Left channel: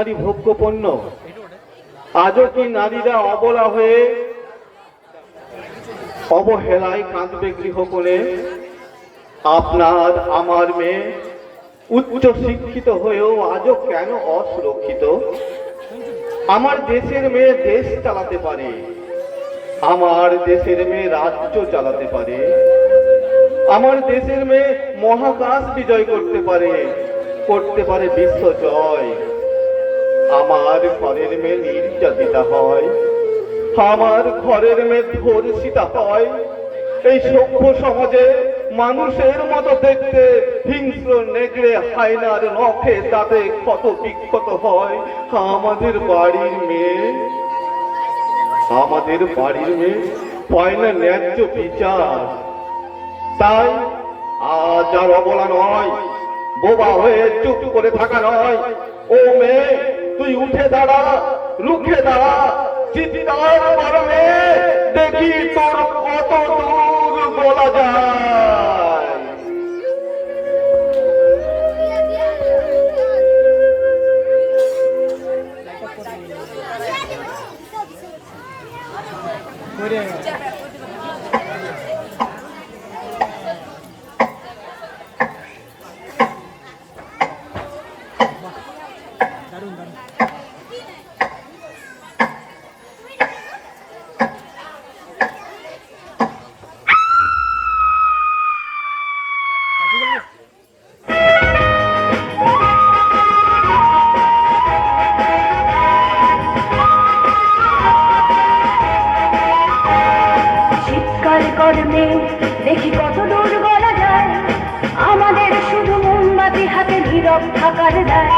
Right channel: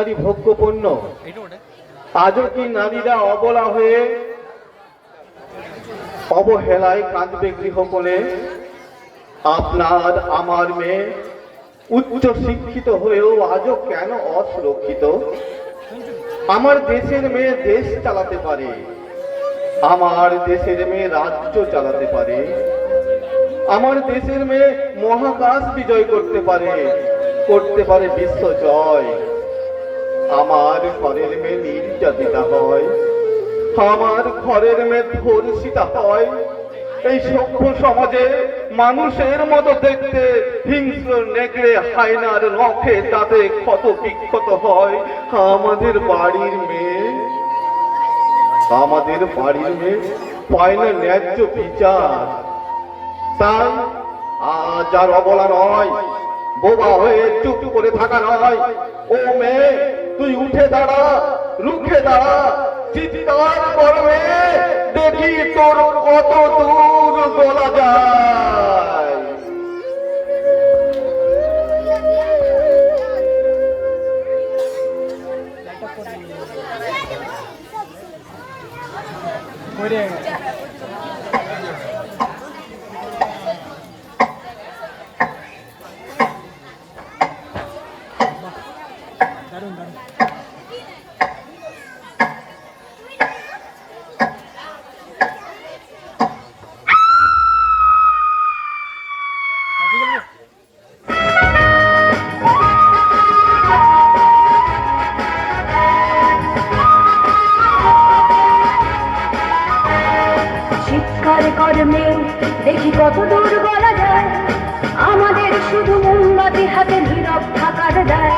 নারী ভোগ্য পণ্য আজও কি নারীরা অবলা হয়ে অবহেলায় কাঁদবে গৃহকোণে? আপনার আমার মেয়ে উচ্চ শিক্ষিত হয়েও আজও কেন অসুরক্ষিত? আমার দেশের মেয়ে দেশ চালাতে পারে, আমার দেশের মেয়ে রাজ্য চালাতে পারে, আমার দেশের মেয়ে মহাকাশ বিজয় করতে পারে করতে পারে বিশ্ব জয়। আমার ঘরের মেয়ে নির্যাতিতা হয়, আমার ঘরের মেয়ে ধর্ষিতা হয়। এই সভ্য সমাজে মানুষের মতো দেখতে হিংস্র, নেকড়ে, হায়নার নখে তাতে ক্ষত বিক্ষত হয়। আমাদের বাড়ির মেয়ে আমাদের বাড়ির মেয়ে পায় না ন্যায্য বিচার। তাই আজ আর অবলা নয়। বোবা হয়ে চুপ করে থাকা নয়। ও মেয়ে তুই উঠে দাঁড়া রুখে দাঁড়া। চিৎকার কর মেয়ে, দেখি তোর কত দূর বলা যায়। করে চিৎকার কর্মে দেখি কত দূর বলা যায় আমাদের শুধু মোমবাতি হাতে নীরব থাকার দায়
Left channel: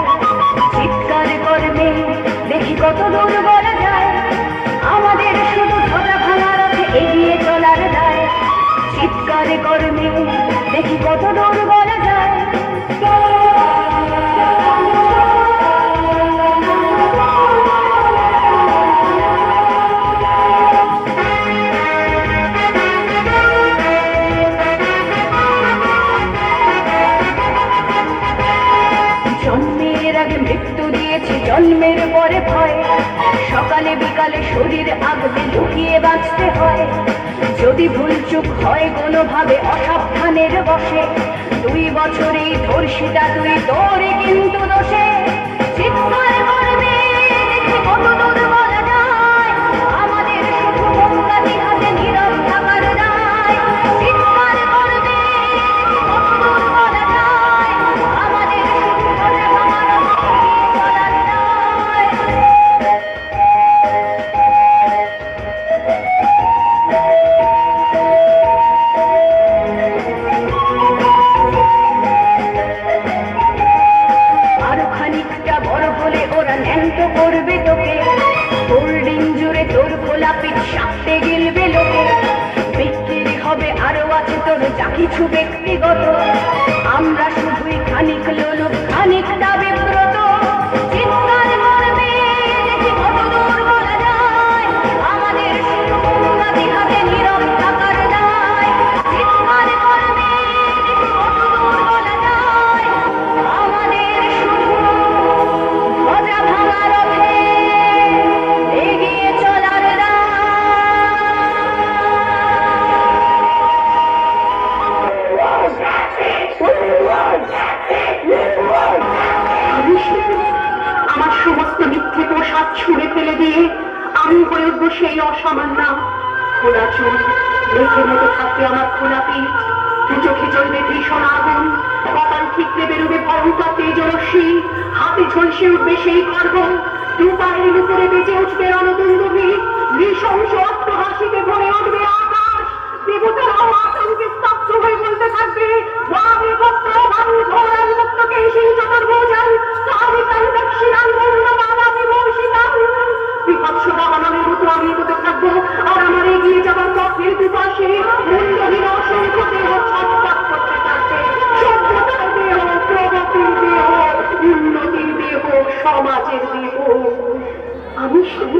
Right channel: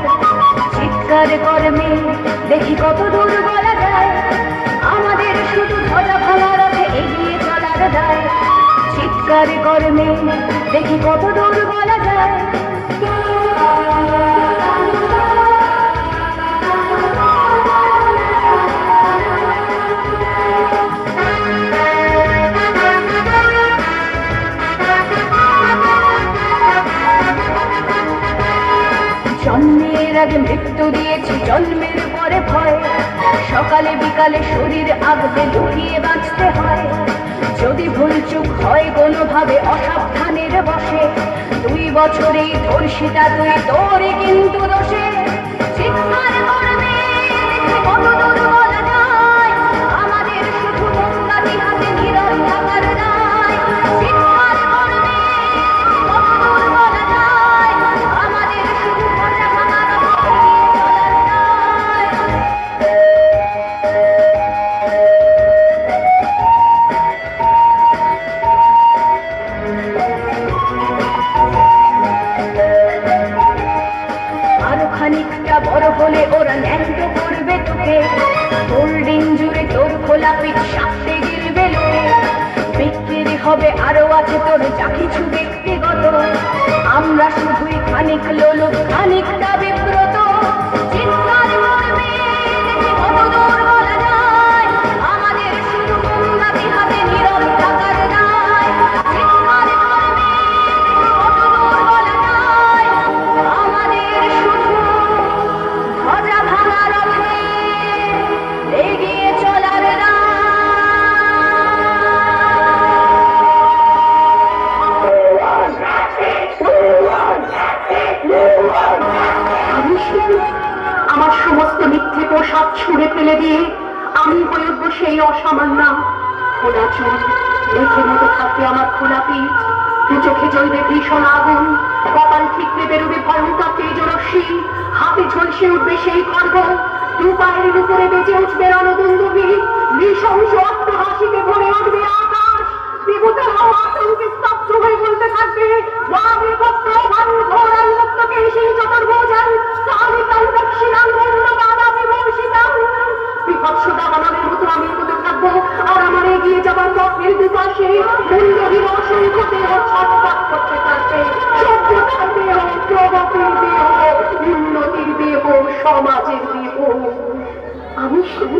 চিৎকার কর্মে দেখি কত দূর বলা যায়। আমাদের শুধু ধরা ভাঙা রথে এগিয়ে চলার দায়। চিৎকার কর্মে দেখি কত দূর জন্মের আগে মৃত্যু দিয়েছে, জন্মের পরে ভয়। সকালে বিকালে শরীর আগতে লুকিয়ে বাঁচতে হয়। যদি ভুল চুপ হয় কোনোভাবে, অসাবধানের বসে দুই বছরেই ধর্ষিতা কিছু ব্যক্তিগত ছুঁড়ে ফেলে দিয়ে আমি উঠবো সেই অসামান্য খোলা চুল মেঘের মতো থাকবে আমার খোলা পিঠ চোখে জ্বলবে ভীষণ আগুন। কপাল ঠিকতে বেরোবে ভয়ঙ্কর তেজরশ্মি। হাতে ঝলসে উঠবে সেই গর্ব দু পায়ের উপরে বেঁচে উঠবে রণদুন্দুভি নৃশংস অট্টহাসিতে ভরে উঠবে আকাশ। দেবতারাও আতঙ্কে সমাজের দেহ আমি শুধু